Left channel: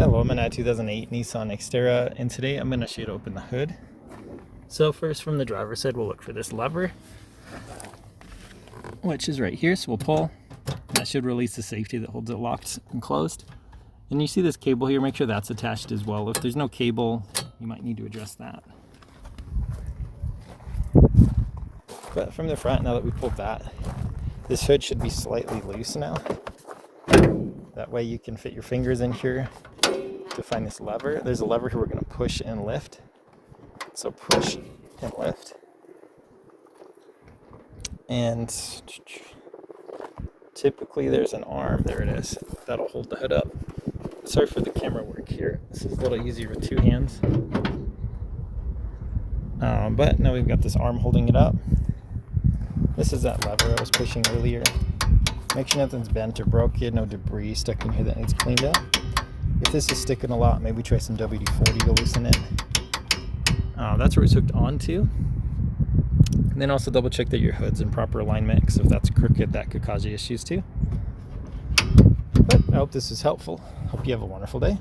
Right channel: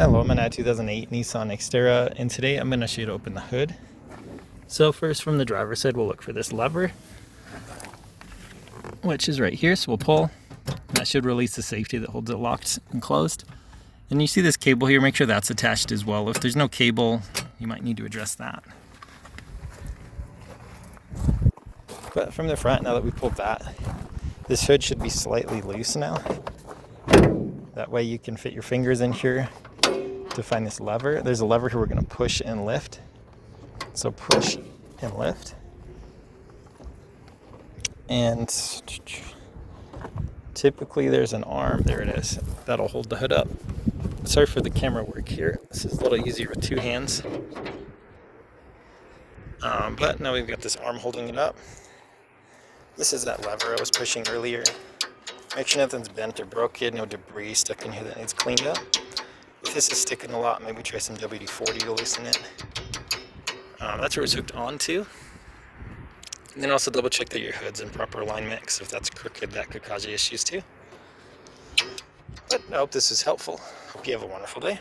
Hello, I'm in a 2008 Nissan Xterra, and today I'm going to show you to open the hood. So first, from the driver's side, we'll look for this lever, which is right here. So we'll pull. That should release the safety that holds it locked and closed. And you see this cable here, make sure that's attached as well. If there's no cable, you might need to address that. But from the front, now that we pulled that, this hood should be slightly loose now. That way you can fit your fingers in here to find this lever. There's a lever here we're going to push and lift. So push and lift. And typically there's an arm, there it is, that'll hold the hood up. Sorry for the camera work here. This is a little easier with two hands. But now we've got this arm holding it up. This is that lever I was pushing earlier. Make sure nothing's bent or broken, no debris stuck in here that needs cleaned up. If this is sticking a lot, maybe try some WD-40 to loosen it. That's where it's hooked onto. And then also double check that your hood's in proper alignment, because if that's crooked, that could cause you issues too. But I hope this is helpful. Hope you have a wonderful day.